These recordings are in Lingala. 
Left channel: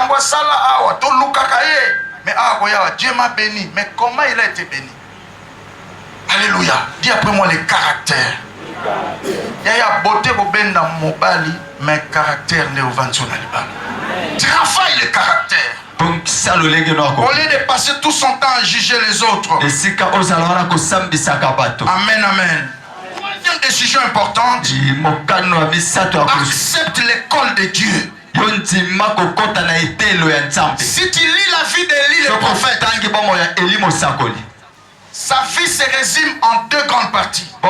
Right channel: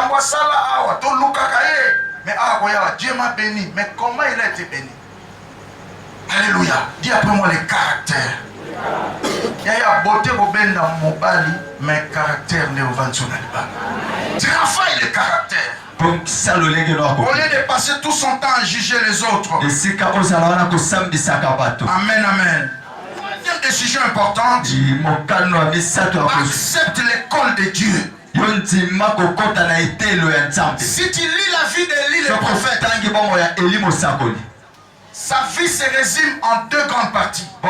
Makambwa sala awa, to lukakaye. Mais awa, Dieu m'a béni. Mais comment il a été béni? Alléluia. Dis après moi les caractères. Il y a beauté au benda mobali, mais caractère n'est au ventre na travaille le caractère. Au lieu de passer tout son temps à juger les autres. Amen, amen. Une décision importante. Accepte l'école de Dieu. Si tu lis la vie d'Élie le prophète, sa vie se résume en deux grandes parties. Il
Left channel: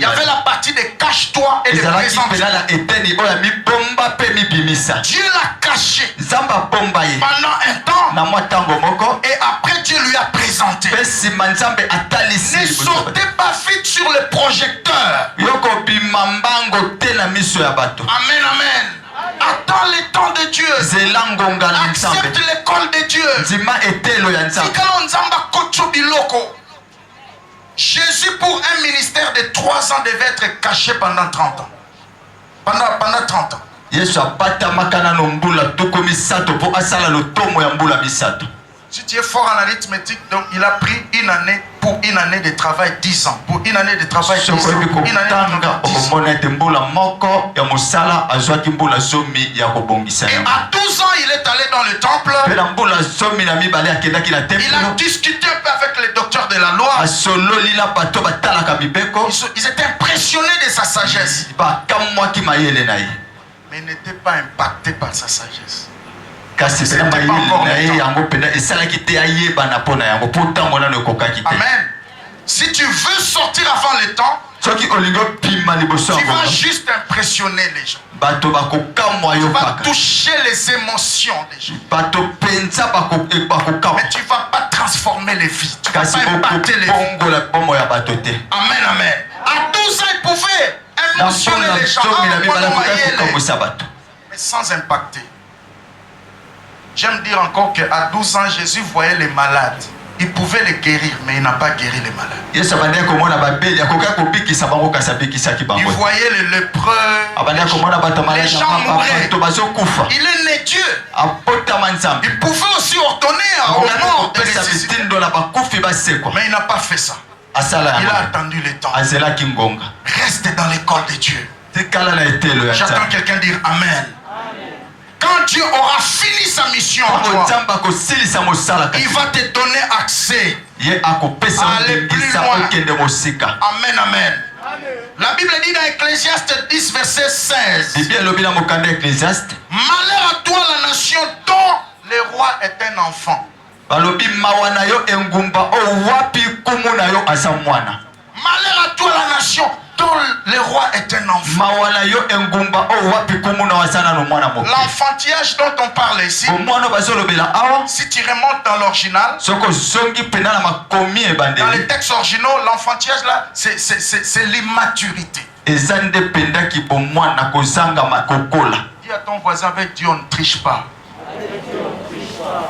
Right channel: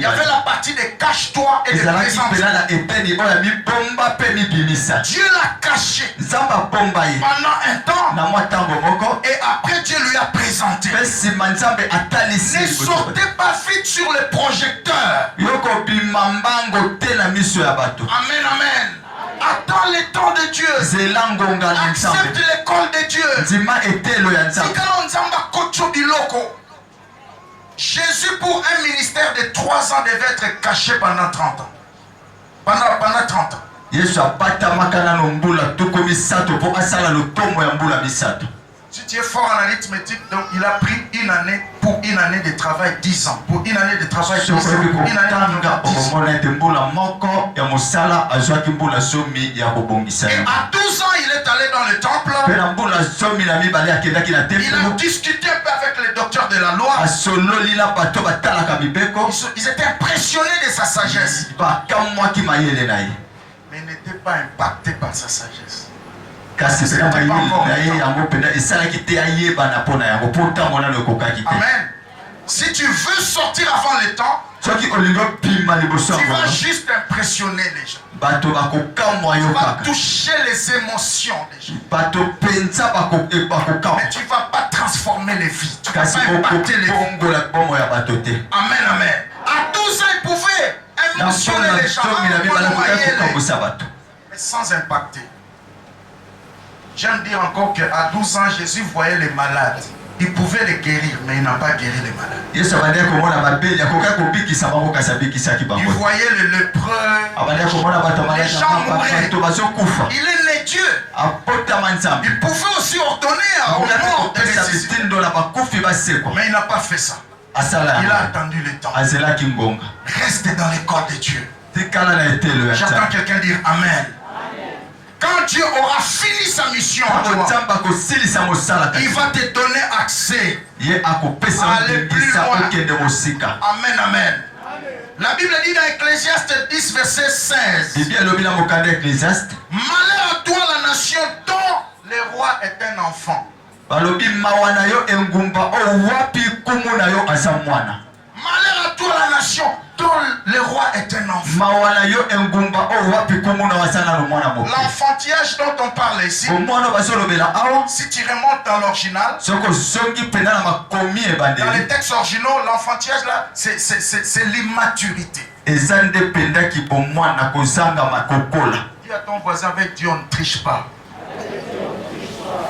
y avait la partie de cache-toi et de présente. Dieu l'a caché pendant un temps et après Dieu lui a présenté. Ne sortez pas vite sur le projecteur. Amen, amen. Attends le temps de Dieu. Accepte l'école de Dieu. Jésus pour un ministère de 3 ans devait être caché pendant 30 ans. Pendant 30 ans. Si tu es fort en arithmétique, donc il a pris une année pour une année de travail 10 ans. Pour une année de travail 10 ans. Pour une année de travail 10 ans. Et à 12 ans, il est allé dans le temple. Il a discuté un peu avec les docteurs de la loi. Ils étaient impressionnés de sa sagesse. Mais ils n'étaient pas impactés par sa sagesse. Amen. Si tu veux sortir avant le temps, tu vas juste impressionner les gens. Tu vas toucher les émotions des gens. Mais tu ne vas pas transformer les vies. Tu ne vas pas impacter les vies. Amen, amen. À 12 ans, il pouvait émotionner les gens. Mais sans impacter. J'aime dire encore qu'à 12 ans, Jésus voyait les malades. Il pouvait les guérir, mais il n'a pas guéri les malades. Il voyait les lépreux, les gens mouraient. Il est né Dieu. Il pouvait aussi ordonner à un mort de ressusciter. Mais il n'a pas fait ça. Il a attendu le temps. Reste dans l'école de Dieu. J'attends quelqu'un dire Amen. Quand Dieu aura fini sa mission en toi, il va te donner accès à aller plus loin. Amen, amen. La Bible dit dans Ecclésiaste 10, verset 16. Malheur à toi la nation dont le roi est un enfant. Malheur à toi la nation dont le roi est un enfant. L'enfantillage dont on parle ici, si tu remontes dans l'original, dans les textes originaux, l'enfantillage là, c'est l'immaturité. Dis à ton voisin, avec Dieu on ne triche pas.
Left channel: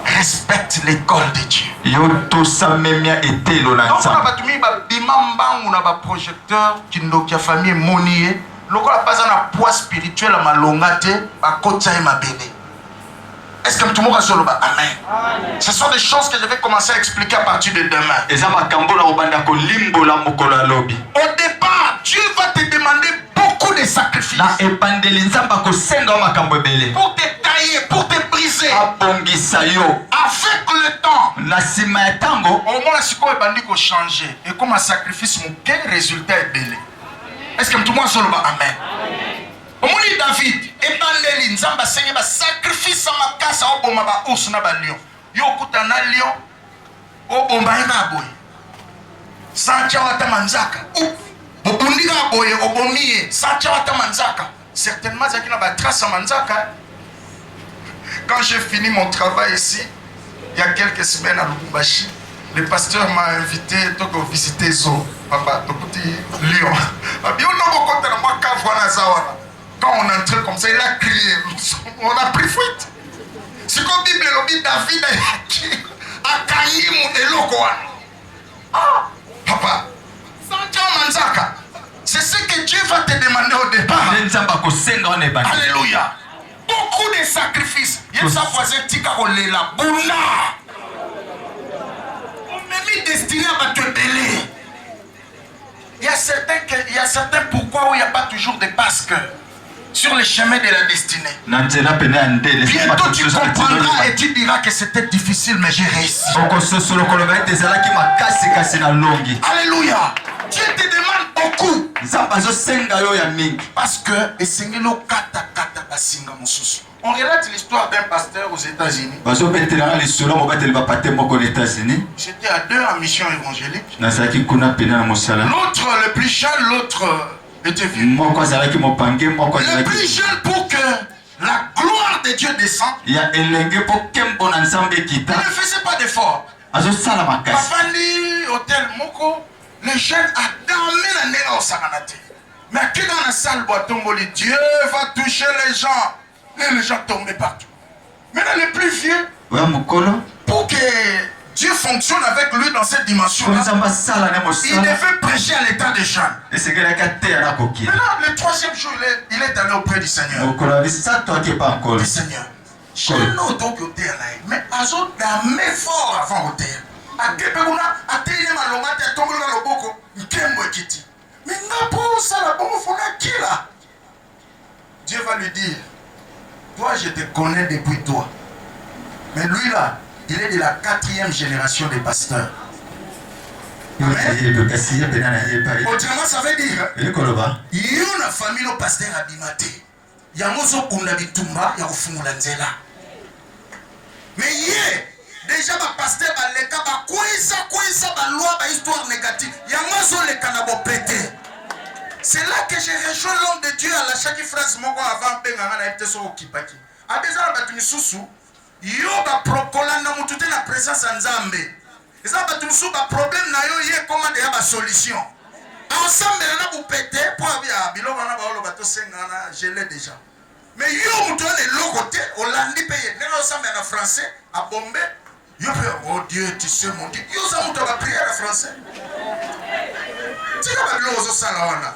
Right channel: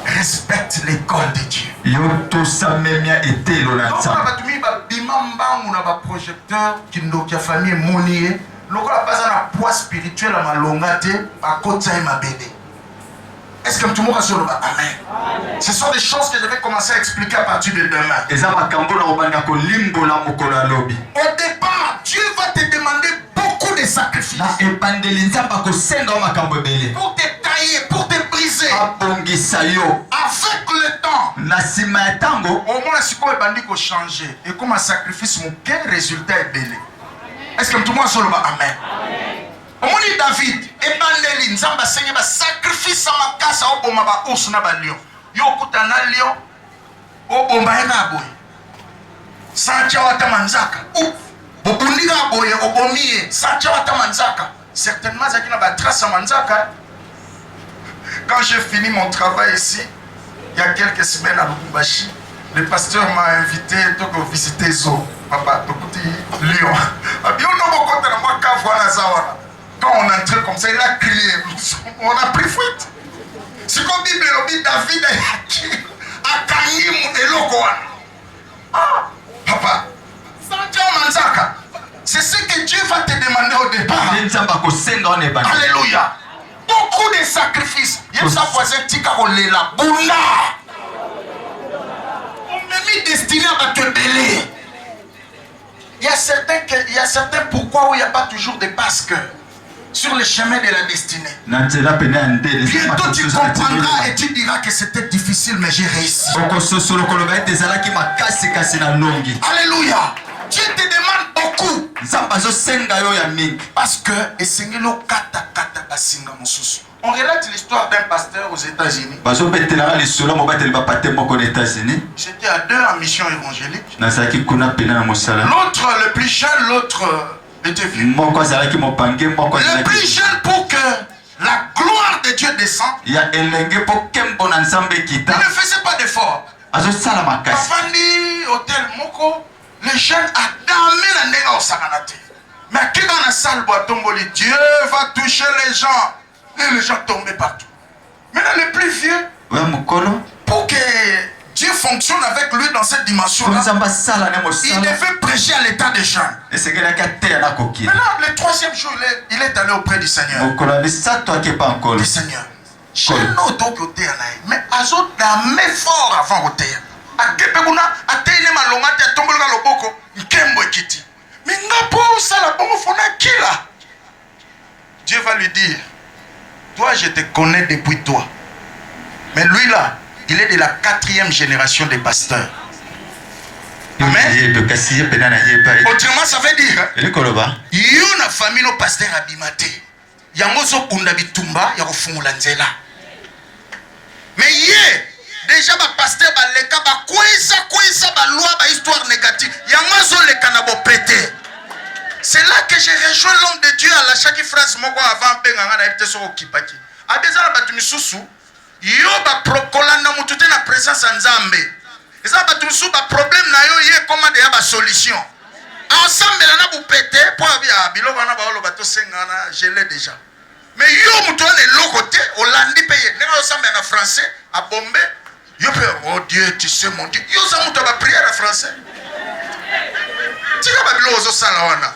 Respecte l'école de Dieu. Donc on a un projecteur qui nous a famille monier. Lorsqu'on a pas un poids spirituel à ma longate, à côté de ma bébé. Est-ce que tout le monde a sur le bas? Amen. Ce sont des choses que je vais commencer à expliquer à partir de demain. Au départ, Dieu va te demander beaucoup de sacrifices. Pour te tailler, pour te briser. Avec le temps, au moins la psycho est changer. Et comme un sacrifice, quel résultat est belé? Est-ce que tout le monde a le bas? Amen. Au moins David, ebandeli nzamba senye ba sacrifice à ma casa au bomba ba ours na ba lion. Yo kutana lion au bomba ena boy. Sancha wata manzaka. Ou bobundika boye obomie sancha wata manzaka. Certainement ça qui na ba trace manzaka. Quand j'ai fini mon travail ici, il y a quelques semaines à Lubumbashi, le pasteur m'a invité à visiter Zo. Papa, to petit lion. Abi on no bokota na moi ka voilà ça. Quand on entrait comme ça, il a crié. On a pris fuite. C'est comme Bible le David a gagné et l'ogoa. Ah, papa, Manzaka, c'est ce que Dieu va te demander au départ. Alléluia. Beaucoup de sacrifices. sa voisin tika kolela bunda. On m'a mis destiné à te belé. Il y a certains pourquoi où il n'y a pas toujours des basques sur le chemin de la destinée. Bientôt tu comprendras et tu diras que c'était difficile mais j'ai réussi. Alléluia. Dieu te demande beaucoup. Parce que on relate l'histoire d'un pasteur aux États-Unis. J'étais à 2 en mission évangélique. L'autre, le plus jeune, l'autre était vieux. Le plus jeune pour que la gloire de Dieu descende. Il ne faisait pas d'effort. Pafandi, hôtel Moko, les jeunes a damé la néga au Sakanate. Mais qui dans la salle Boitomboli, Dieu va toucher les gens. Et les gens tombaient partout. Maintenant, le plus vieux, pour que Dieu fonctionne avec lui dans cette dimension-là, il devait prêcher à l'état des jeunes. Maintenant, le 3e jour, il est allé auprès du Seigneur. Le Seigneur. J'ai un autre côté, mais Azo damé fort avant au terre. A Kepeguna, a Tene Malomate, a Tombolga Loboko, Nkembo Ekiti. Mais Napo, ça la bombe fona qui là? Dieu va lui dire, toi je te connais depuis toi. Mais lui là, il est de la 4e génération des pasteurs. Amen. Autrement ça veut dire, il y a une famille au pasteur abimate. Il y a un kunda bitumba, il y a un fungula nzela. Mais hier, déjà le pasteur baleka ba kweza ba loi ba histoire négative. Il y a un le kanabo pété. C'est là que j'ai rejoint l'homme de Dieu à la chaque phrase moko avant penganga na epte so okipaki. Abeza ba tumisusu yo ba prokolanda mutute na présence nzambe. Eza ba tumisusu ba problème na yo ye comment de ba solution. Ensemble na bu pété pour bia biloko na ba olo ba to sengana je l'ai déjà. Mais yo mutone le côté Hollandi payé. N'est ensemble en français à Bombay. Yo pe oh Dieu tu sais mon Dieu. Yo za muto ba prière en français. Tika ba biloko zo sala wana.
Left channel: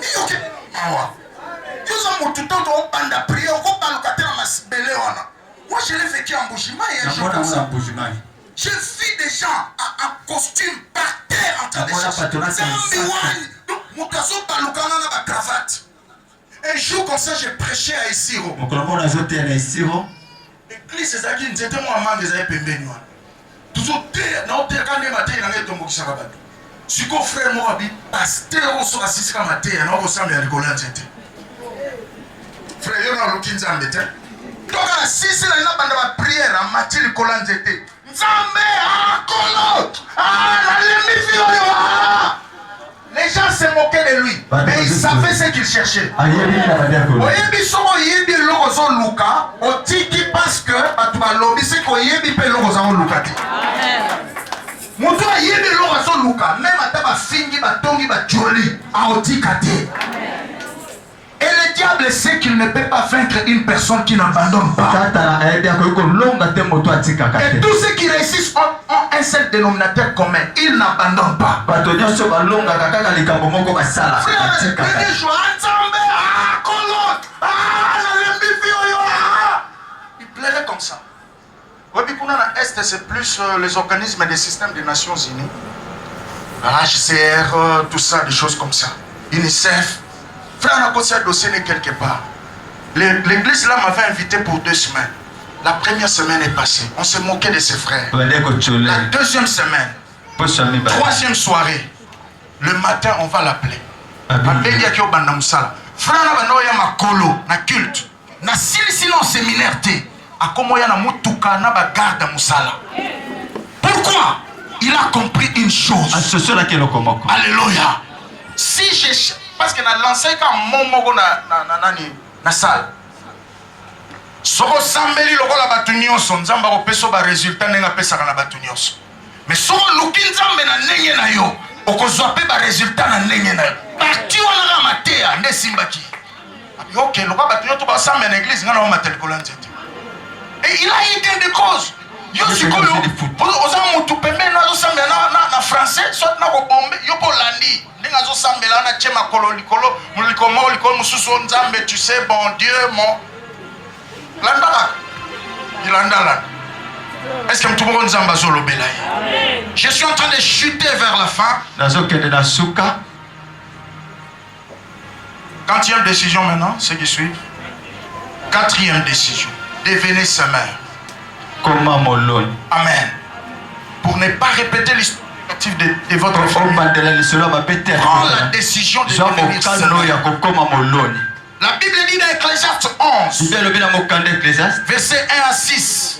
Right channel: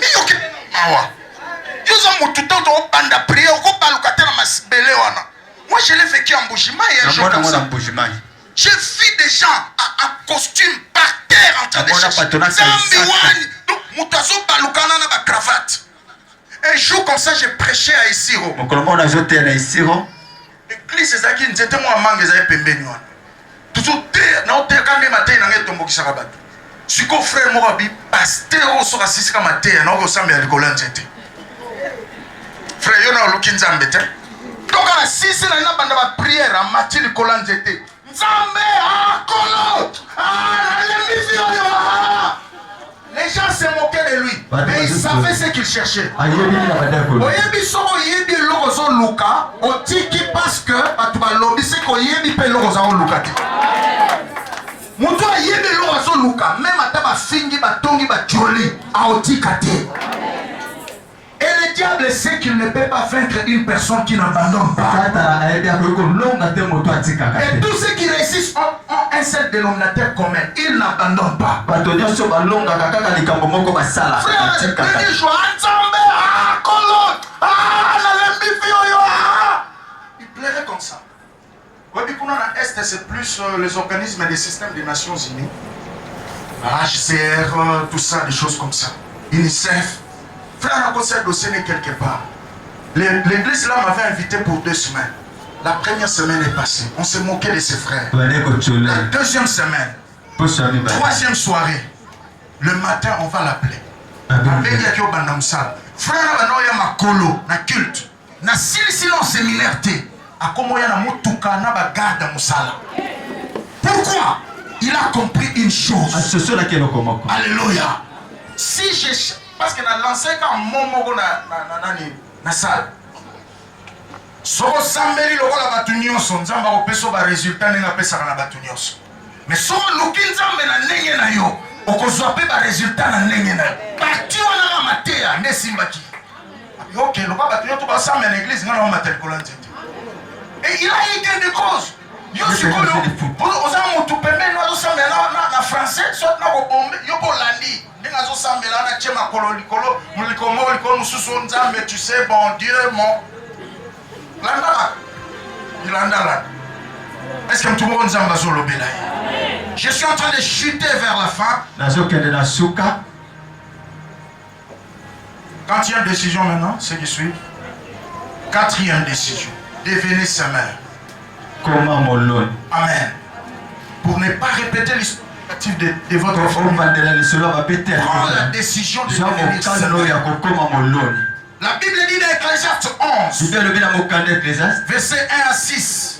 Mais yo ke mawa. Yo za muto to banda prière ko baluka tena masbele wana. Moi je l'ai vécu en Bougimaï un jour comme ça. J'ai vu des gens en costume par terre en train de chercher. Donc mutazo balukana na ba cravate. Un jour comme ça, j'ai prêché à Isiro. L'église, c'est ça qui nous était moi mangue, c'est pembeni. Toujours terre, non terre quand même matin, il y a tombeau qui s'arrête. Si qu'on frère moi abi, pasteur au sort assis comme matin, non au samedi à l'école c'était. Frère, yo na luki nzambe te. Donc à la 6 là, il y a bande prière à matin l'école c'était. Nzambe ah kolo, ah la lembi fio. Les gens se moquaient de lui, mais ils savaient ce qu'ils cherchaient. Oyebi soko yebi logo luka, otiki parce que atuba lobi se ko yebi pe logo za luka ti. Mutu yebi logo luka, même ataba fingi ba tongi ba joli, a otika ti. Et le diable sait qu'il ne peut pas vaincre une personne qui n'abandonne pas. Et tous ceux qui réussissent ont un seul dénominateur commun. Ils n'abandonnent pas. Il plairait comme ça. Est, c'est plus les organismes des systèmes des Nations Unies. HCR, tout ça, des choses comme ça. UNICEF. Frère, on a posé un dossier quelque part. L'église là m'avait invité pour 2 semaines. La première semaine est passée. On s'est moqué de ses frères. La 2e semaine. 3e soirée. Le matin, on va l'appeler. Frère, on a ma colo, na culte. Na sinon séminaire T. A comment ya na mutuka na ba garde musala. Pourquoi? Il a compris une chose. Alléluia. Si j'ai parce que na lancé quand momo na salle. Soko sambeli lokola batu nyonso nzamba ko peso ba résultat nenga pesa na batu nyonso. Mais soko luki nzambe na ndenge na yo, okozwa pe ba résultat na ndenge na yo. Parti wana na matea nde simbaki. OK, lokola batu nyonso ba sambela na église ngana ma telkola nzete. Et il a eu gain de cause. Yo sikoyo, oza mutu pembe na zo sambela na français, soit na ko bombe, yo po landi. Ngazo sambela na chema kolo likolo muliko mususu nzambe tu sais bon Dieu mon lambala Est-ce que tout le monde je suis en train de chuter vers la fin. Quatrième décision maintenant, ceux qui suivent. Quatrième décision. Devenez semeur. Amen. Pour ne pas répéter l'histoire de votre famille. Prends la décision de devenir semeur. La Bible dit dans Ecclésiaste 11, verset 1 à 6.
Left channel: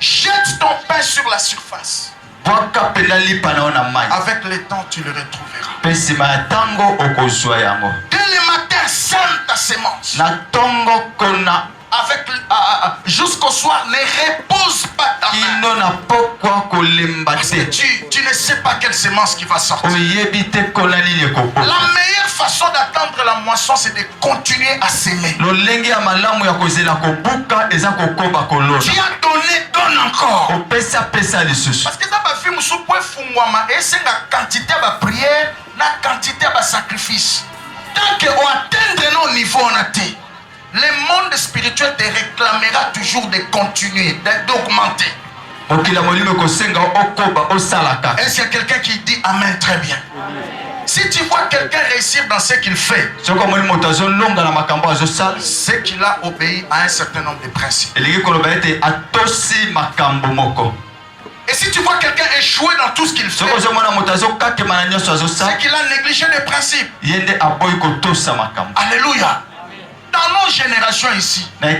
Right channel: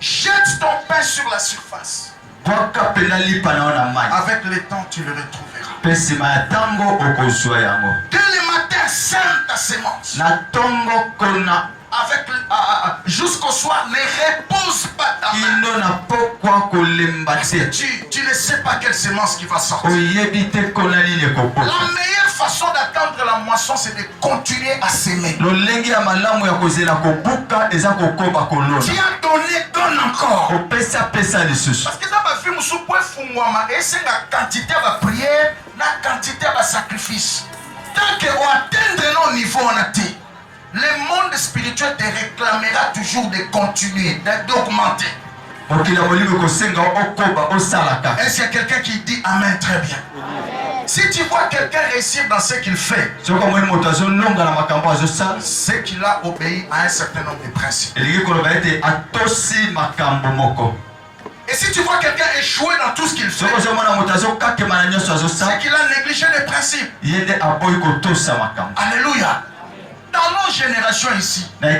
Jette ton pain sur la surface. Avec le temps, tu le retrouveras. Dès le matin, sème ta sémence. Avec jusqu'au soir, ne repose pas ta main. Parce que tu ne sais pas quelle sémence qui va sortir. La meilleure façon d'attendre la moisson, c'est de continuer à s'aimer. Tu as donné, donne encore. Parce que ça va faire et la quantité de prière, la quantité de sacrifice. Tant qu'on atteindre nos niveaux, on a dit. Le monde spirituel te réclamera toujours de continuer, d'augmenter. Est-ce qu'il y a quelqu'un qui dit Amen très bien? Si tu vois quelqu'un réussir dans ce qu'il fait, c'est qu'il a obéi à un certain nombre de principes. Et si tu vois quelqu'un échouer dans tout ce qu'il fait, c'est qu'il a négligé les principes. Alléluia. Dans nos générations ici, je ne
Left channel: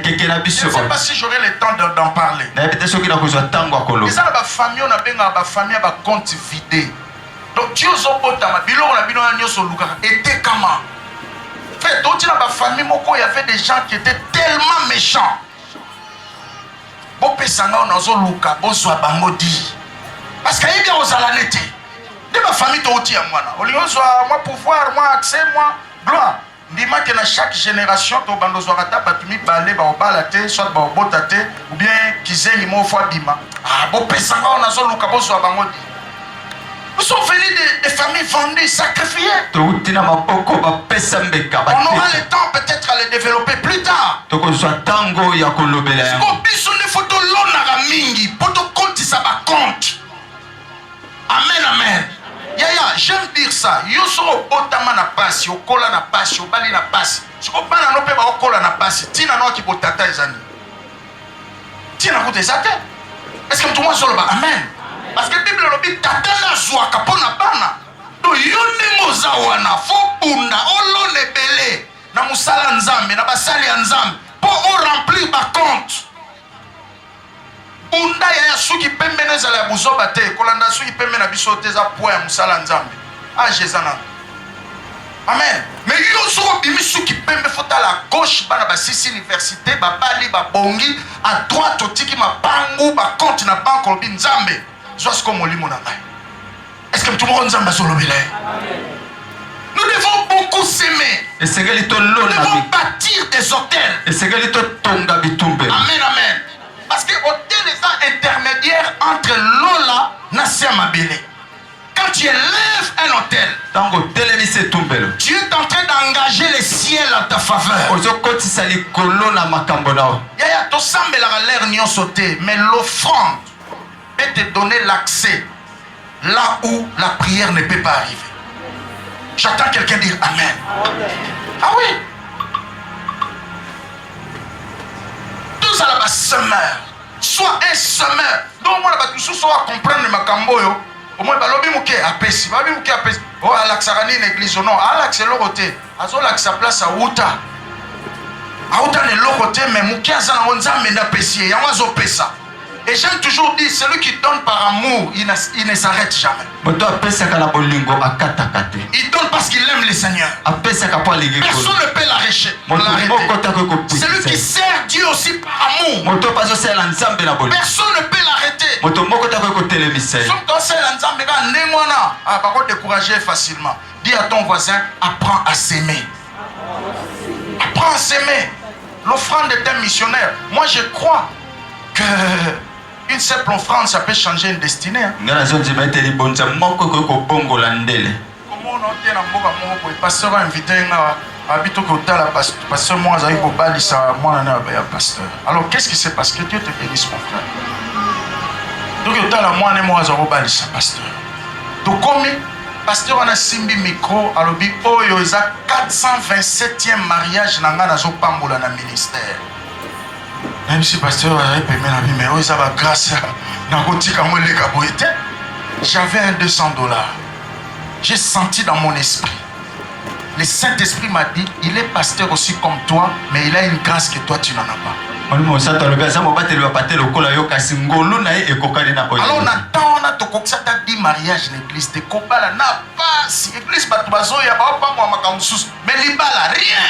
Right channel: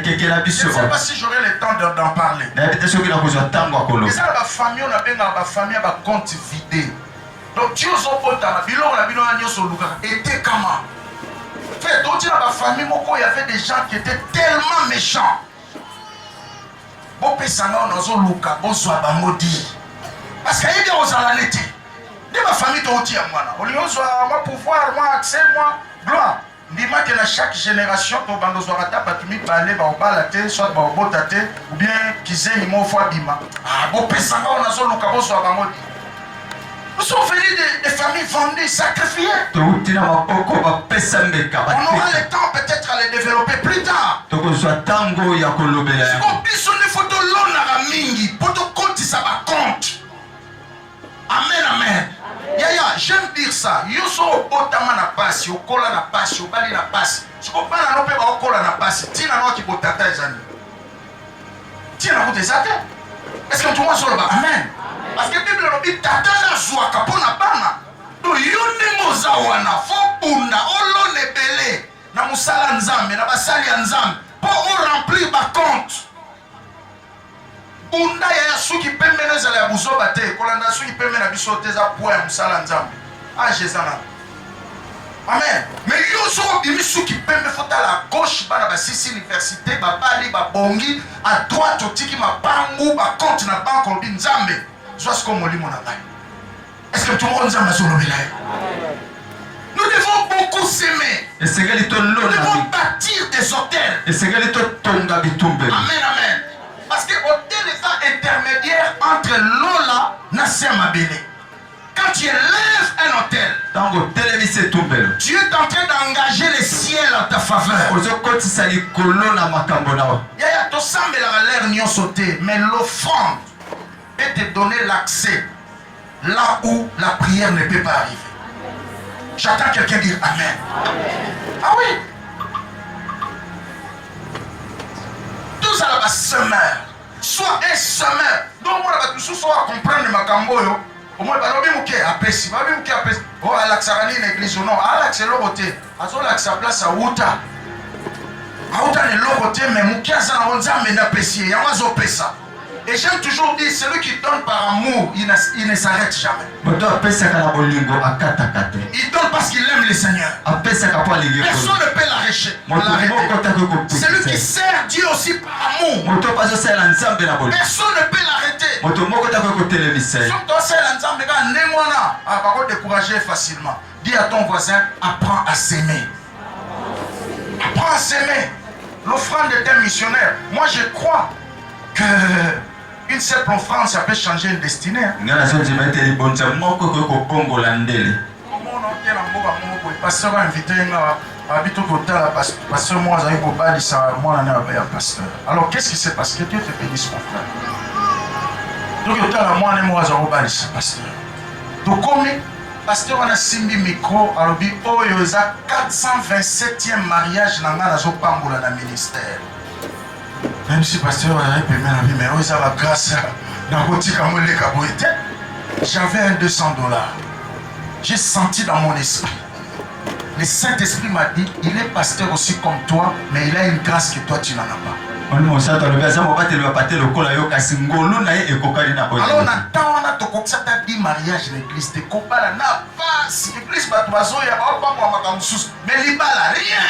sais pas si j'aurai le temps d'en parler. Les familles, on a bien famille à compte vidé. Donc, tu as été comment? Fait, dans la famille, il y avait des gens qui étaient tellement méchants. Parce qu'il y a aux alanetti. De ma famille, tu as moi pouvoir, moi accès, moi gloire. Dis-moi que dans chaque génération, tu as soit ou bien nous sommes venus des familles vendues, sacrifiées. On aura le temps peut-être à les développer plus tard. Amen, amen. Yaya, j'aime dire ça. Yoso otama na pasi, okola na pasi, obali na pasi. Sikopana no pe ba okola na pasi. Tina no ki botata ezani. Tina ko tezate. Est-ce que tout le monde solo ba amen? Parce que la Bible nous dit tata na zwa kapona bana. Do yone mozawana fo bunda olone belé na musala nzambe na basali ya nzambe pour remplir ba compte. Bunda ya suki pembe na zala ya buzoba te kolanda suki pembe na biso te za poa ya musala nzambe a jezana. Amen. Mais yo so bimi suki pembe fota la gauche bana ba sisi université ba bali ba bongi à droite otiki ma bangu ba compte na banque lobi nzambe zo ce comme molimo na ngai. Est-ce que tout le monde nzambe so lobela? Nous devons beaucoup s'aimer. Nous devons bâtir des hôtels. Amen, amen. Parce que hôtel est un intermédiaire entre Lola et Nasiamabele. Quand tu élèves un hôtel, tu es en train d'engager le ciel à ta faveur. Mais l'offrande peut te donner l'accès là où la prière ne peut pas arriver. J'attends quelqu'un dire Amen. Ah oui. Tous à la semeur. Soit un semeur. Donc moi là tous soit comprendre ma camboyo. Au moins balobi muke apesi. Balobi muke apesi. Oh alaxarani une église non. Alax loroté. Azo lax sa place à Outa. À Outa ne loroté mais muke azana onzambe na pesi. Yango zo pesa. Et j'aime toujours dire, celui qui donne par amour, il ne s'arrête jamais. Il donne parce qu'il aime le Seigneur. Personne ne peut l'arrêter. Celui qui sert Dieu aussi par amour. Personne ne peut l'arrêter. Par contre, décourager facilement. Dis à ton voisin, apprends à s'aimer. Apprends à s'aimer. L'offrande est un missionnaire. Moi, je crois que une simple offrande, ça peut changer une destinée. Comment on a été dans le pasteur a invité Alors qu'est-ce qui s'est passé? Que Dieu te bénisse, mon frère. Pasteur. Donc comme pasteur on a simbi micro alobi oyo eza 427e mariage na nga nazo pambola na ministère. Même si pasteur a payé la vie mais oyo eza ba grâce na kotika mo leka boite. J'avais un $200. J'ai senti dans mon esprit. Le Saint-Esprit m'a dit, il est pasteur aussi comme toi, mais il a une grâce que toi tu n'en as pas. Alors on attend, on a tout ça t'a dit mariage l'église, te kobala n'a pas si l'église batubazo ya ba pas moi makamsus, mais libala rien.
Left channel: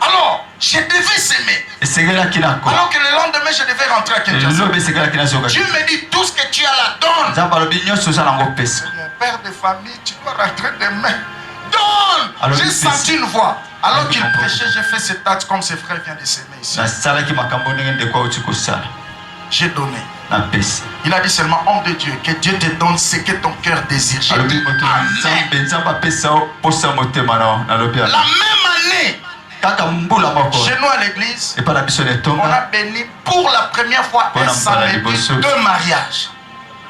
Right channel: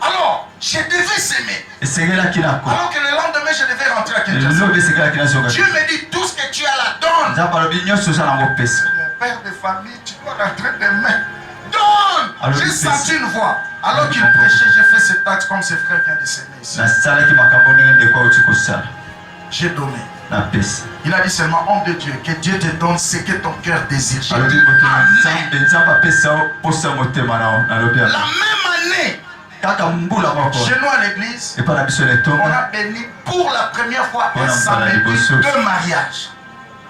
Alors, je devais s'aimer. Alors que le lendemain, je devais rentrer à Kinshasa. Dieu me dit tout ce que tu as là, donne. Mon père de famille, tu dois rentrer demain. Donne. J'ai senti une voix. Alors qu'il prêchait, j'ai fait cet acte comme ses frères viennent de s'aimer ici. J'ai donné. Il a dit seulement, homme de Dieu, que Dieu te donne ce que ton cœur désire. J'ai dit, Amen. La même année, chez nous à l'église, on a béni pour la première fois un samedi 2 mariages.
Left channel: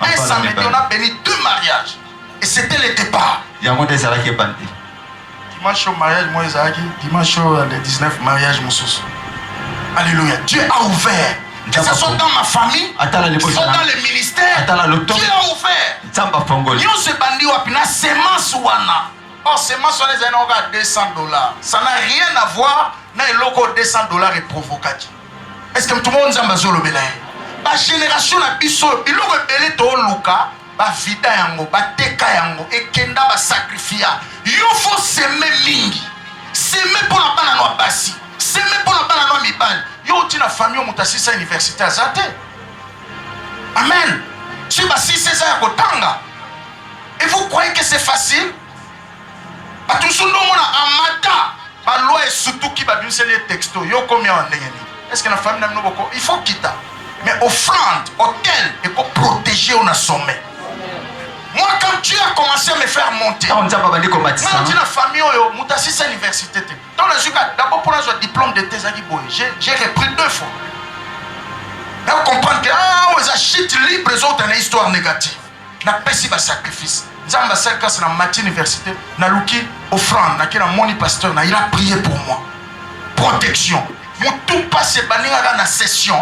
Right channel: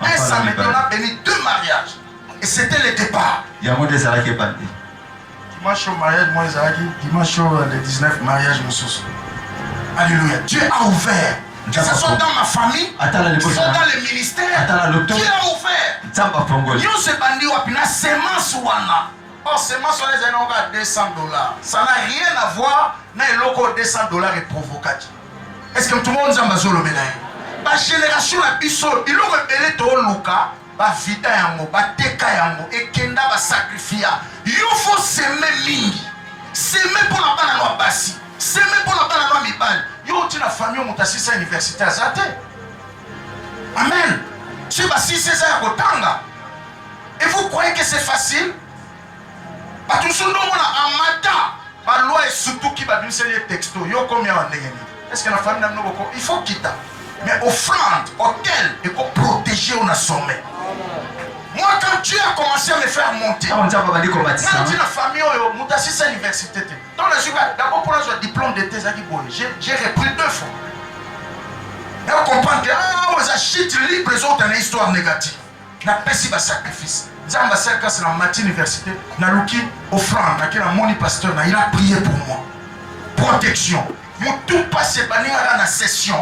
Un samedi, on a béni 2 mariages. Et c'était le départ. Dimanche au mariage, moi, dimanche le 19 mariage, mon sous. Alléluia. Dieu a ouvert. Que ce soit dans ma famille, que ce soit dans le ministère, Dieu a ouvert. Nous se bandit wapina semence wana. Or, semence wana les a $200. Ça n'a rien à voir na eloko $200 et provocatif. Est-ce que tout le monde zamba zolo belay? Ba génération la biso, biloko belé to luka, ba vida yango, ba teka yango, et kenda ba sacrifia. Yo faut s'aimer mingi. S'aimer pour la bana no basi. S'aimer pour la bana no mibali. Yo tina famille au mutasisa université azate. Amen. Si basi c'est ça kotanga. Et vous croyez que c'est facile? Ba tout son nom en mata. Ba loi et surtout qui va bien les textos. Yo combien en ndengeni. Est-ce que la famille n'a pas il faut quitter. Mais offrande, auquel il faut protéger on a sommet. Moi, quand Dieu a commencé à me faire monter, quand la famille, c'est l'université. D'abord, pour un diplôme de thèse, j'ai repris 2 fois. Et on comprend que les achètes libres, les autres, une histoire négative. On a payé un sacrifice. Zamba Serka, c'est la matin université. On a louki offrande. On a mon pasteur. Il a prié pour moi. Protection. Mon tout passe banni à la session.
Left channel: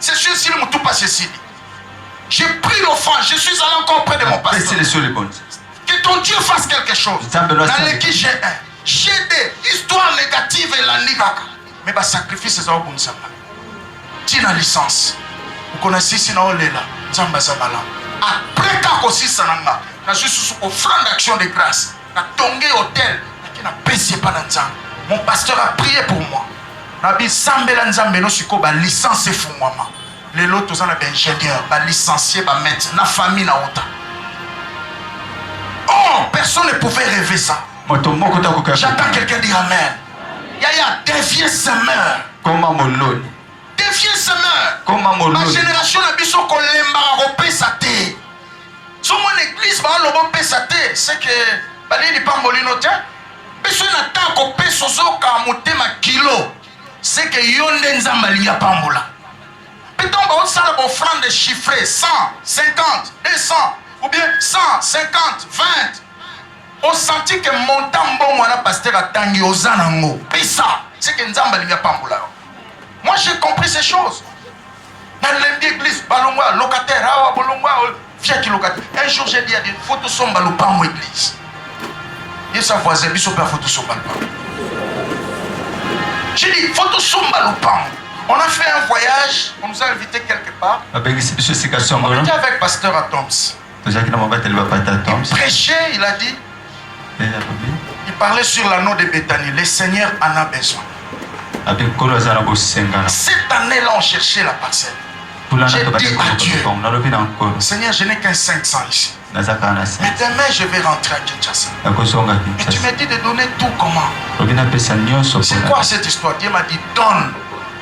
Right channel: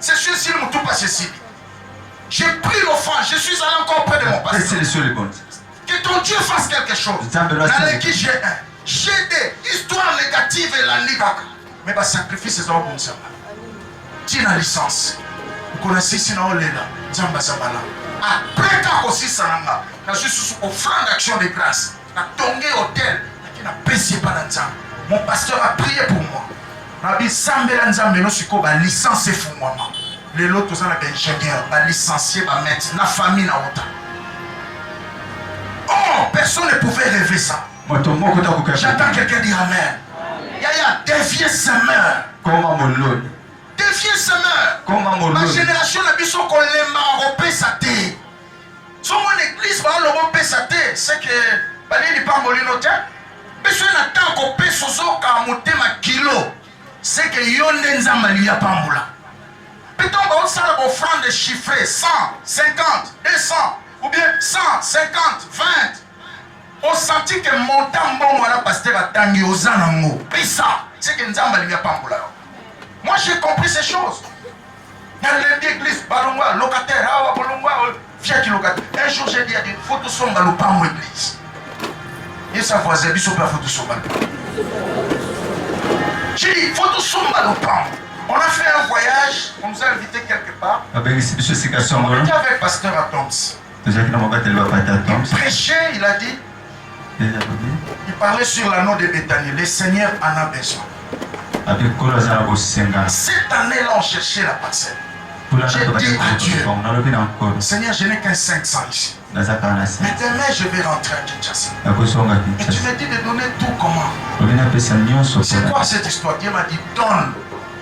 Session si mon tout passe ici. J'ai pris l'offrande, je suis allé encore près de mon pasteur. Que ton Dieu fasse quelque chose. Dans l'équipe j'ai des histoires négatives et la nigaka. Mais le sacrifice c'est un bon sabbat. Tu as la licence. Vous connaissez si on est là. Zamba Zabala. Après quand aussi Sananga, je suis sous offrande d'action de grâce. Na tongé hôtel, qui n'a payé pas dans ça. Mon pasteur a prié pour moi. Nabi Sambela Nzambe no siko ba licence et fou moi. Les autres, tous les ingénieurs, les licenciés, les maîtres, la famille, la autre. Oh, personne ne pouvait rêver ça. J'attends quelqu'un dire Amen. Yaya, dévier semeur. Dévier semeur. La génération, la biso qu'on l'aime, on peut s'atter. Sur mon église, on peut s'atter. C'est que, il n'est pas molino, tiens. Mais si on attend qu'on peut s'atter ma kilo, c'est que yon n'enzamali ya pas mola. Peut-on avoir ça l'offrande chiffrée 100, 50, 200 ou bien 100, 50, 20. On sentit que mon tambo moi la pasteur a tangi aux anango. Et ça, c'est que Nzamba n'y a pas moula. Moi j'ai compris ces choses. Dans l'église, balongwa, locataire, awa bolongwa, fiaki locataire. Un jour j'ai dit à des photos somba le pas mon église. Et ça voisin, biso pas photos somba le pas. J'ai dit photos somba le pas. On a fait un voyage, on nous a invités quelque part. On était avec pasteur Atoms. Il prêchait, il a dit. Il parlait sur l'anneau de Béthanie. Le Seigneur en a besoin. Cette année-là, on cherchait la parcelle. J'ai dit à Dieu, Seigneur, je n'ai qu'un 500 ici. Mais demain, je vais rentrer à Kinshasa. Et tu m'as dit de donner tout comment? C'est quoi cette histoire? Dieu m'a dit, donne.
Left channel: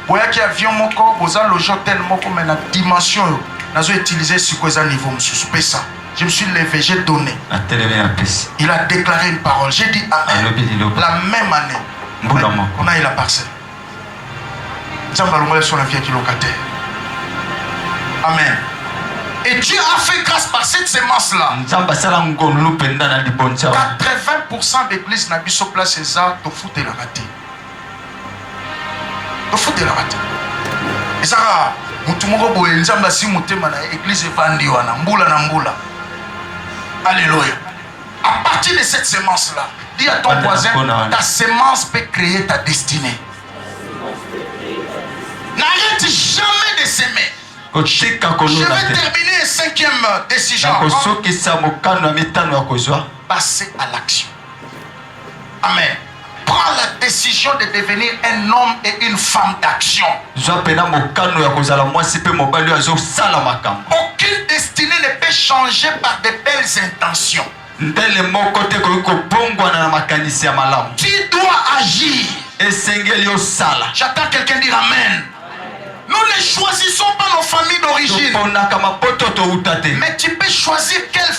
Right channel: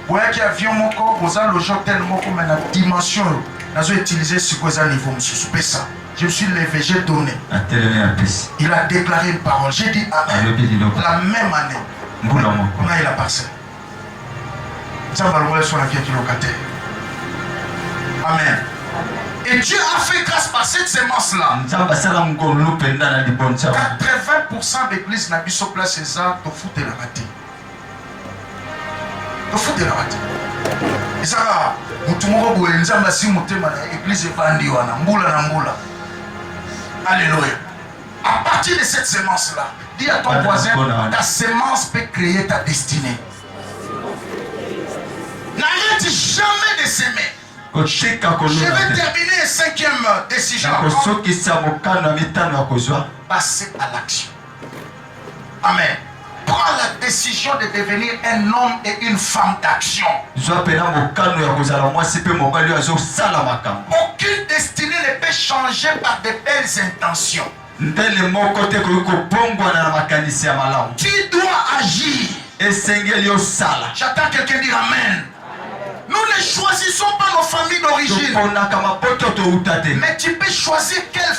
Voyez avion moko, vous avez le hôtel moko, mais la dimension, nous avons utilisé ce niveau, monsieur, ça. Je me suis levé, j'ai donné. Il a déclaré une parole. J'ai dit Amen. La même année, on a eu la parcelle. Amen. Et Dieu a fait grâce par cette semence-là. 80% d'églises n'a pas sur place et ça, tu fous de la raté. Tu fous de la raté. Et ça, l'église est vendue. Alléluia. À partir de cette semence-là, dis à ton voisin, ta semence peut créer ta destinée. N'arrête jamais de s'aimer. Je vais terminer la 5e décision. Passer à l'action. Amen. Prends la décision de devenir un homme et une femme d'action. Aucune destinée ne peut changer par de belles intentions. Tu dois agir. J'attends quelqu'un dire Amen. Nous ne choisissons pas nos familles d'origine. Mais tu peux choisir quelle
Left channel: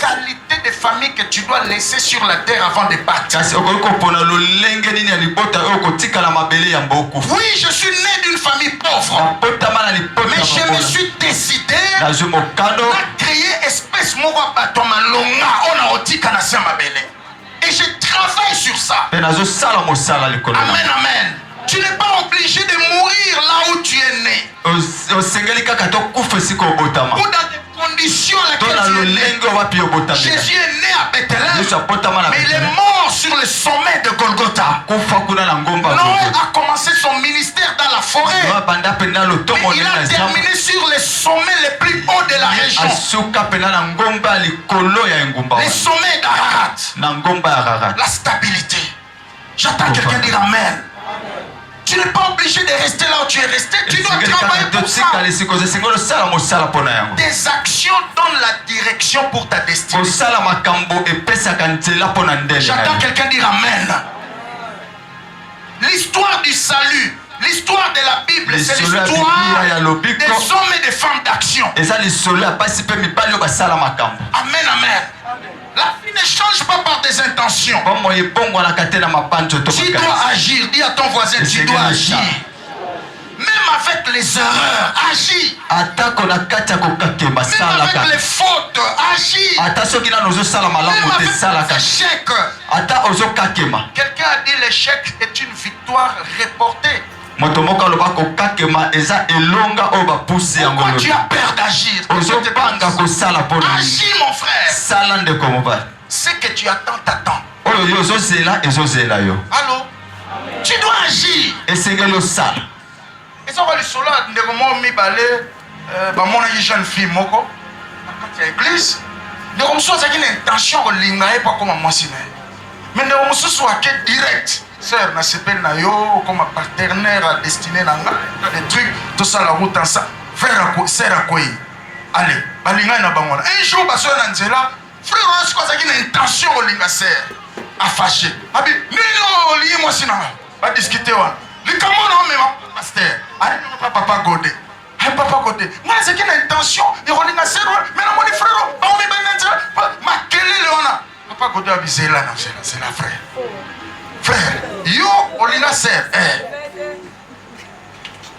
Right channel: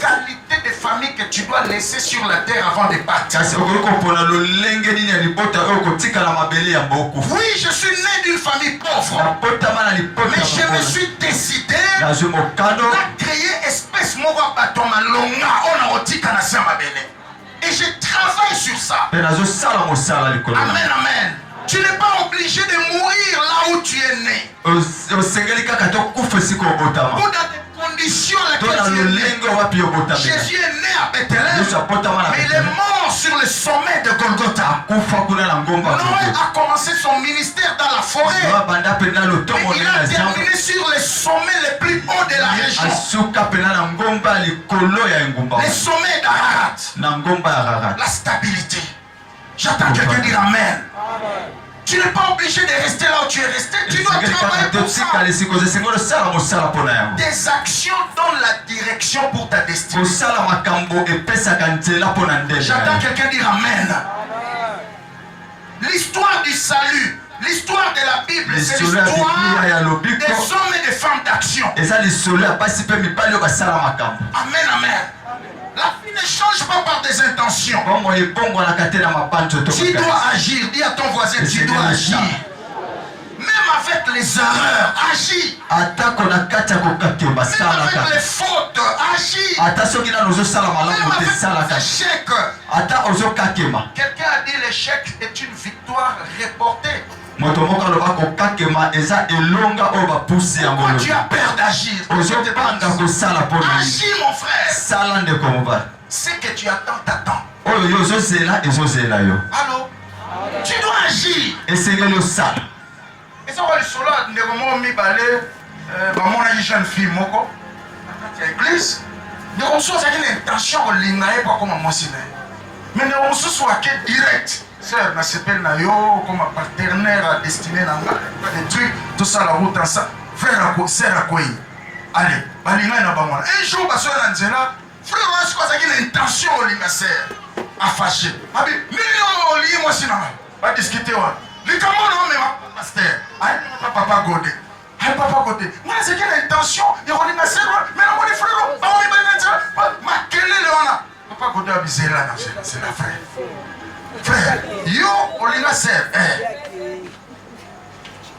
qualité de famille que tu dois laisser sur la terre avant de partir. Oui, je suis né d'une famille pauvre. Mais je me suis décidé à créer espèce et je travaille sur ça. Amen, amen. Tu n'es pas obligé de mourir là où tu es né. Ou dans des conditions dans lesquelles tu es né. Jésus est né à Bethléem, mais il est mort sur le sommet de Golgotha. Noé a commencé son ministère dans la forêt, mais il a terminé sur le sommet le plus haut de la région. Le sommet d'Ararat. La stabilité. J'attends quelqu'un dire Amen. Tu n'es pas obligé de rester là où tu es resté. Tu dois travailler pour ça. Tes actions donnent la direction pour ta destinée. J'attends quelqu'un dire Amen. L'histoire du salut, l'histoire de la Bible, c'est l'histoire des hommes et des femmes d'action. Amen, amen. La vie ne change pas par des intentions. Tu dois agir. Dis à ton voisin, tu dois agir. Même avec les erreurs, agis. Même avec les fautes, agis. Même avec les échecs. Quelqu'un a dit l'échec est une victoire reportée. Pourquoi tu as peur d'agir? Agis mon frère. Ce que tu attends, t'attends. Allô? Tu dois agir. Et ça va le solo de comment mi balé mon jeune fille moko à l'église. De comme ça c'est une intention de lingaé pas comme moi siné. Mais de comme ça soit que direct. Sœur, na s'appelle na yo comme partenaire à destiné nanga des trucs tout ça la route en ça. Frère à quoi, sœur à quoi. Allez, balinga na bangona. Un jour ba sœur na nzela, frère on se croise une intention au linga sœur à fâcher. Abi, nino li moi sinon. Ba discuter wa. Li comment non mais pasteur. Allez, papa Godé. Allez papa Godé. Moi c'est quelle intention? Il relinga sœur, mais na mon frère, ba on me banana. Ma quelle leona. Papa Godé a visé là, c'est la frère. Frère, yo, Olina sœur,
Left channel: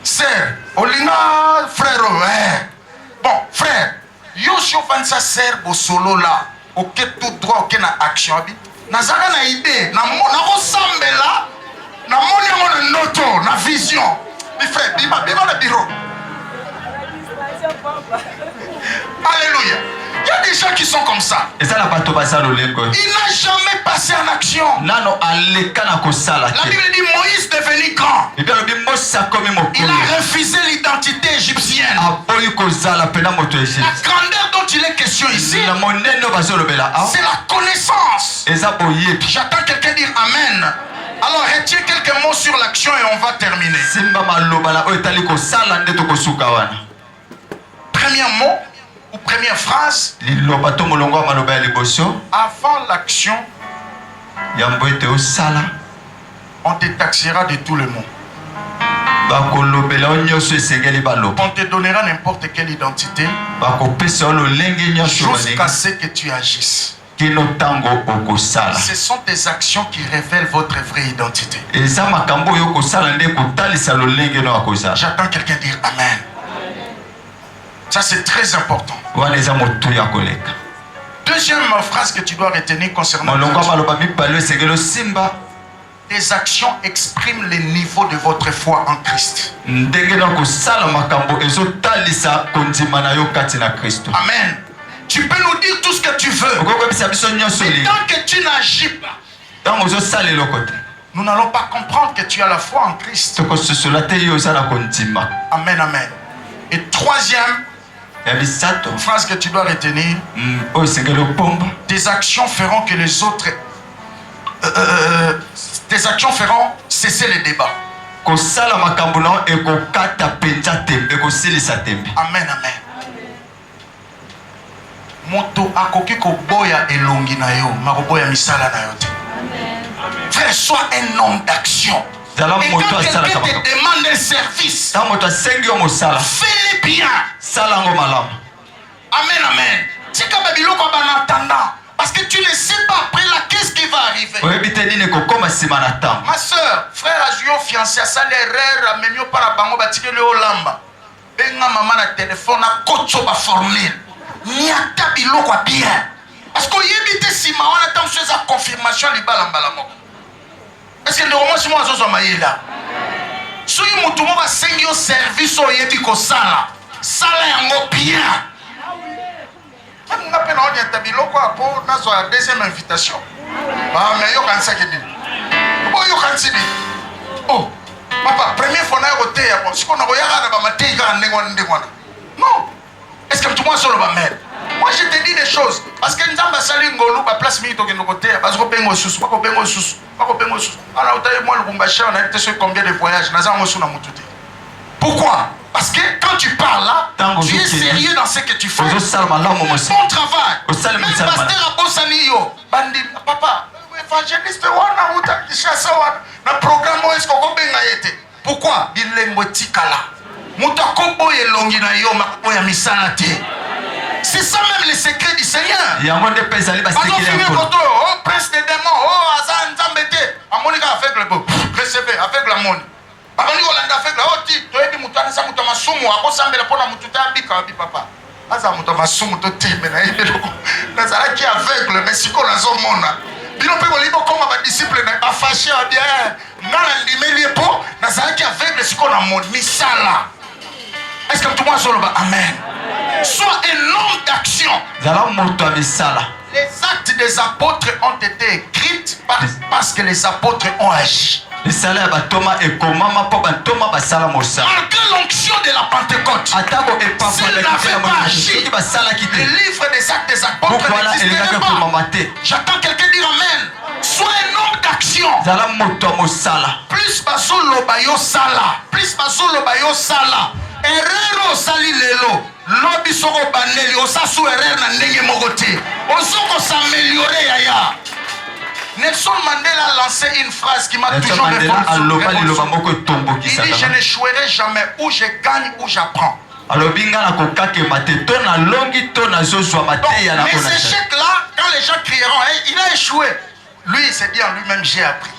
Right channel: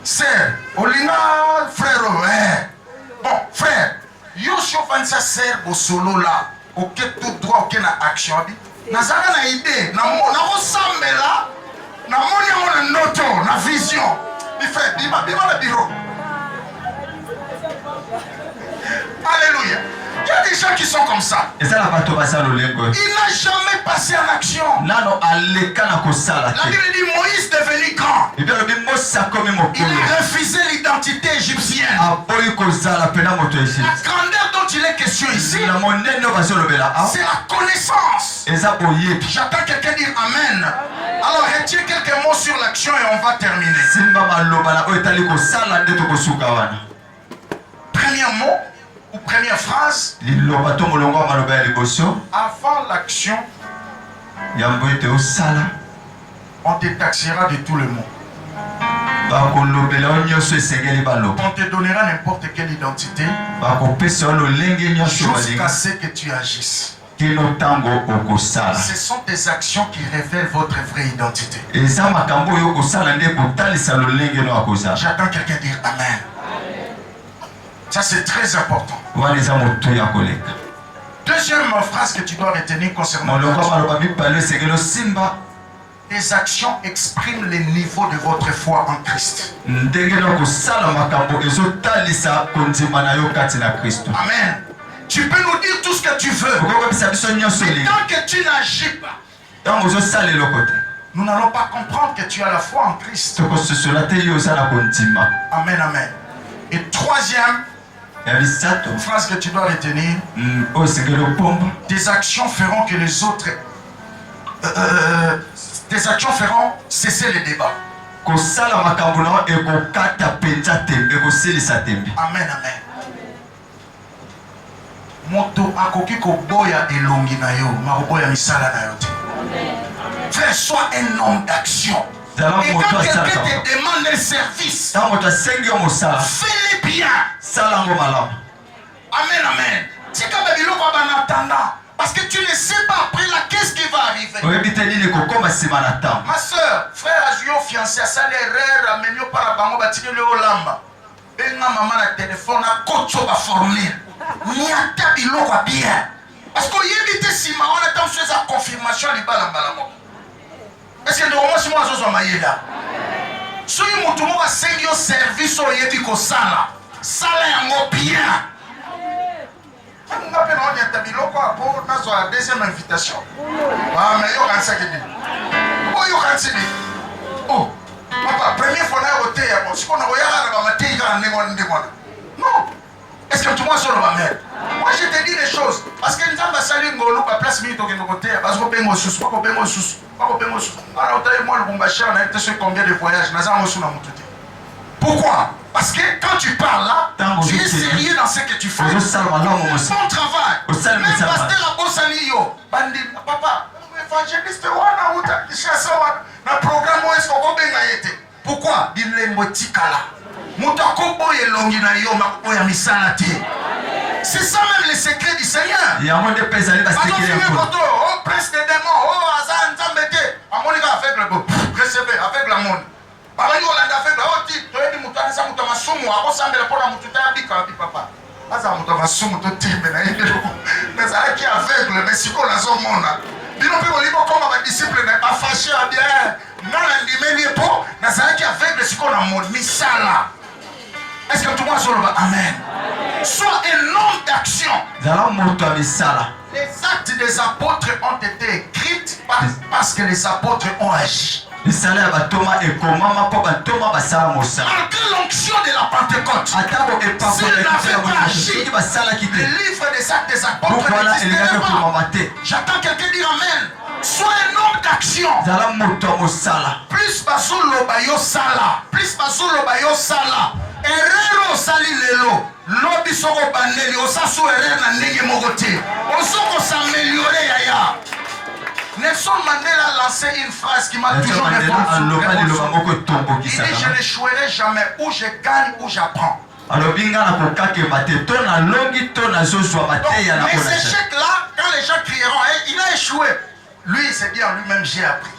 sœur, Olina frère, bon, frère, yo, si on fait ça, sœur, au solo là, ok, tout droit, ok, na action, nazaka na idée, na ressemble là, na moni na noto, na vision, mi frère, bima le bureau. Alléluia. Il y a des gens qui sont comme ça. Il n'a jamais passé en action. La Bible dit Moïse devenu grand. Il a refusé l'identité égyptienne. La grandeur dont il est question ici, c'est la connaissance. J'attends quelqu'un dire Amen. Alors retiens quelques mots sur l'action et on va terminer. Premier mot ou première phrase. Avant l'action, on te taxera de tout le monde. On te donnera n'importe quelle identité jusqu'à ce que tu agisses. Ce sont tes actions qui révèlent votre vraie identité. J'attends quelqu'un dire Amen. Ça c'est très important. Deuxième phrase que tu dois retenir concernant les actions expriment le niveau de votre foi en Christ. Amen. Tu peux nous dire tout ce que tu veux. Mais tant que tu n'agis pas, nous n'allons pas comprendre que tu as la foi en Christ. Amen, amen. Et troisième phrase que tu dois retenir, tes actions feront que les autres... tes actions feront cesser les débats. Amen, amen. Moto akoki koboya elongi na yo, makoboya misala na yo te. Frère, sois un homme d'action. Et quand quelqu'un te demande un service, fais-le bien. Amen, amen. C'est comme un biloko en attendant. Parce que tu ne sais pas après là qu'est-ce qui va arriver. Ma soeur, frère Ajuyo fiancé à ça l'erreur, amenyo par bango batike le olamba. Benga maman na téléphone na kocho ba formule. Ni ata biloko bien. Parce que yebite sima on attend sur sa confirmation li balambala moko. Est-ce que ndoko mwasi mwa zozo mayela? Soki mutu mo ba sengi au service o yebi ko sala. Sala yango bien. On a peine à tabiloko pour notre deuxième invitation. Ah mais yo kan ça qui dit. Oh yo kan si dit. Oh papa première fois na roté ya bon si on a regardé ba maté ga ndengona. Non. Est-ce que tu vois sur le bamel? Moi je te dis des choses parce que nzamba sali ngolu ba place mi to ke ngoté parce que bengo susu pas ko bengo susu. Pas ko bengo susu. Alors taille moi le Lubumbashi on a été sur combien de voyages na za mosu na mututi. Pourquoi? Parce que quand tu parles là, tu es sérieux dans ce que tu fais. Bon travail. Même pasteur Abosani yo, bandi papa, évangéliste wana uta kishasa wana na programme est-ce qu'on benga yete. Pourquoi? Il est motikala. Muta kobo elongi na yo makobo ya misala te. C'est ça même le secret du Seigneur. Il y a un monde de pesali parce que il est oh prince des démons, oh azan nzambete. Amonika avec le beau, recevez avec la monde. Abani Olanda fait la oti, to ebi mutana sa mutama sumu akosambela pona mututa bika bi papa. Aza mutama sumu to timbe na yebelo. Na zala ki aveugle mais siko na zo mona. Bino pe bolibo comme ba disciple na ba fâché a bien. Ngala ndimeli po na zala ki aveugle siko na mon misala. Est-ce que tout le monde solo ba amen. Sois un homme d'action. Zala moto misala. Les actes des apôtres ont été écrits parce que les apôtres ont agi. Malgré l'onction de la Pentecôte, s'il n'avait pas agi, le livre des actes des apôtres n'existerait pas. J'attends quelqu'un dire amen. Sois un homme d'action. Plus baso lobayo sala. Plus baso lobayo sala. Erreur sali lelo. Lobi soko baneli. Osasu erreur na ndenge mogote. Osoko s'améliorer yaya. Nelson Mandela a lancé une phrase qui m'a toujours révolté. Il dit je n'échouerai jamais, où je gagne, où j'apprends. Donc, les échecs là, quand les gens crieront, hey, il a échoué. Lui, il s'est dit en lui-même, j'ai appris.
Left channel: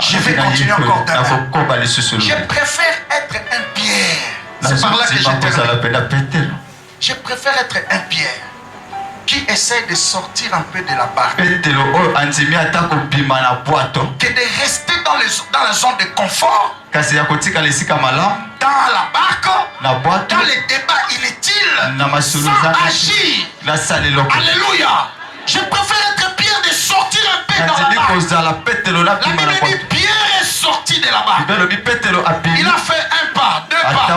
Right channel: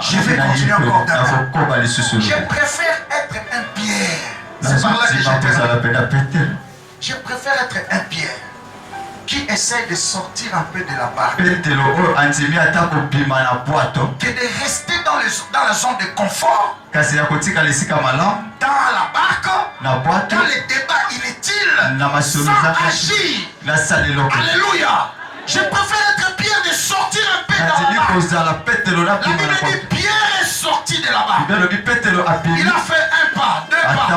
Je vais continuer encore demain. Je préfère être un Pierre. C'est par là que je termine. Je préfère être un Pierre qui essaie de sortir un peu de la barque que de rester dans la zone de confort, dans la barque, dans les débats inutiles, sans agir. Alléluia. Je préfère être Pierre de sortir un peu dans la barque. La Bible dit Pierre est sorti de la barque. Il a fait un pas, 2 pas, 3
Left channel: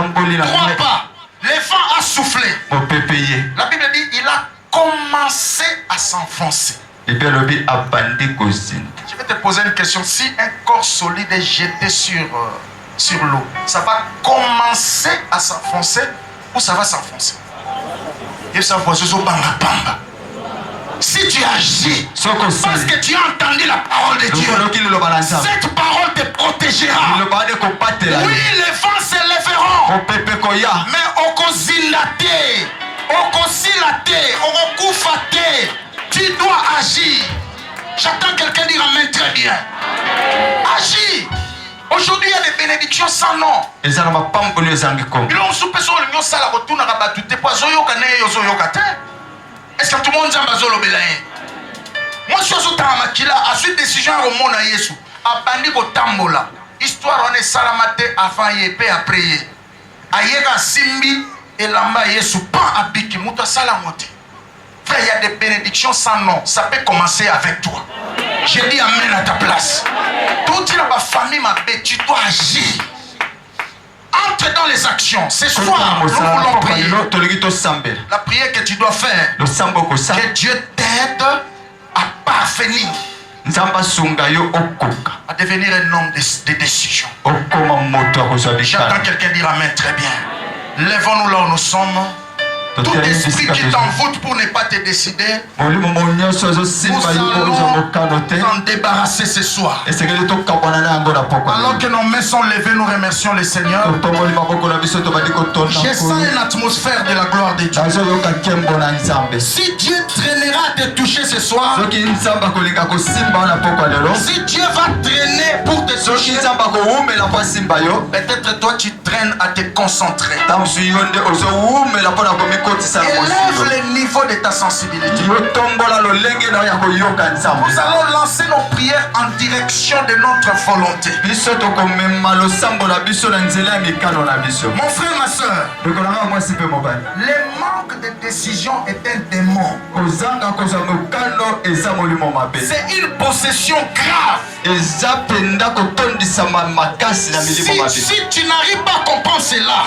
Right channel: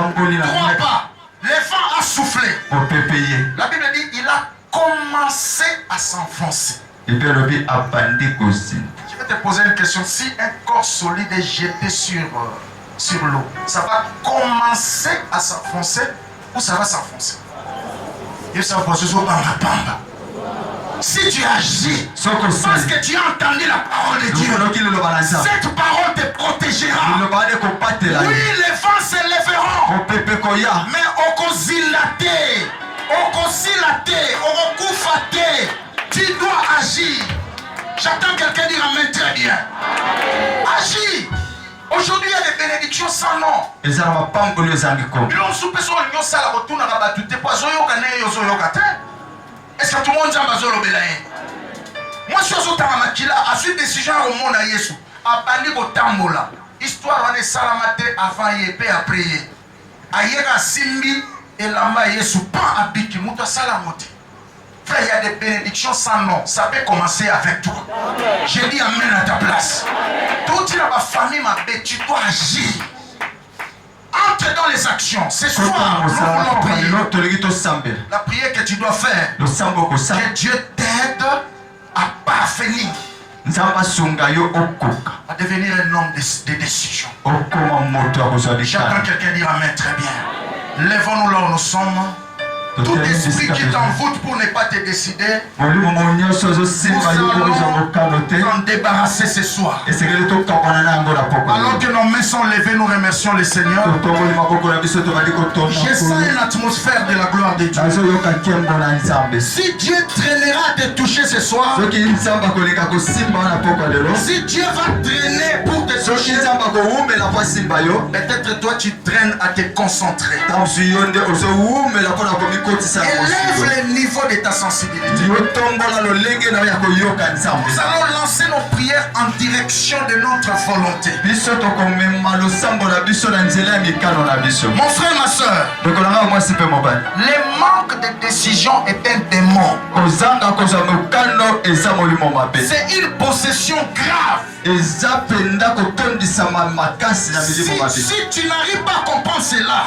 pas. Le vent a soufflé. La Bible dit il a commencé à s'enfoncer. Je vais te poser une question. Si un corps solide est jeté sur l'eau, ça va commencer à s'enfoncer ou ça va s'enfoncer? Il s'enfonce sur banga banga. Si tu agis parce que tu as entendu la parole de Dieu, cette parole te protégera. Oui, le vent se Mais okozilate, okozilate, okokufate. Tu dois agir. J'entends quelqu'un dire amen très bien. Agis. Aujourd'hui, il y a des bénédictions sans nom. Est-ce que tout le monde a besoin de moi, je suis à suite décision au monde à Yesu. A bandi ko tambola. Histoire on est salamate avant et après. Ayega simbi et lamba Yesu pas abiki muta salamote. Frère, il y a des bénédictions sans nom. Ça peut commencer avec toi. J'ai dit amen à ta place. Toute la famille m'a bête, tu dois agir. Entre dans les actions. Ce soir, nous voulons prier. La prière que tu dois faire, que Dieu t'aide à parvenir, à devenir un homme de décision. J'entends quelqu'un dire amen très bien. Lèvons-nous là où nous sommes. Tout esprit qui t'envoûte pour ne pas te décider, nous allons t'en débarrasser ce soir. Alors que nos mains sont levées, nous remercions le Seigneur. Je sens une atmosphère de la gloire de Dieu. Si Dieu traînera à te toucher ce soir, si Dieu va traîner pour te toucher, peut-être toi tu traînes à te concentrer. Élève le niveau de ta sensibilité. Nous allons lancer nos prières en direction de notre volonté. Mon frère, ma soeur, le manque de décision est un démon. C'est une possession grave. Si tu n'arrives pas à comprendre cela,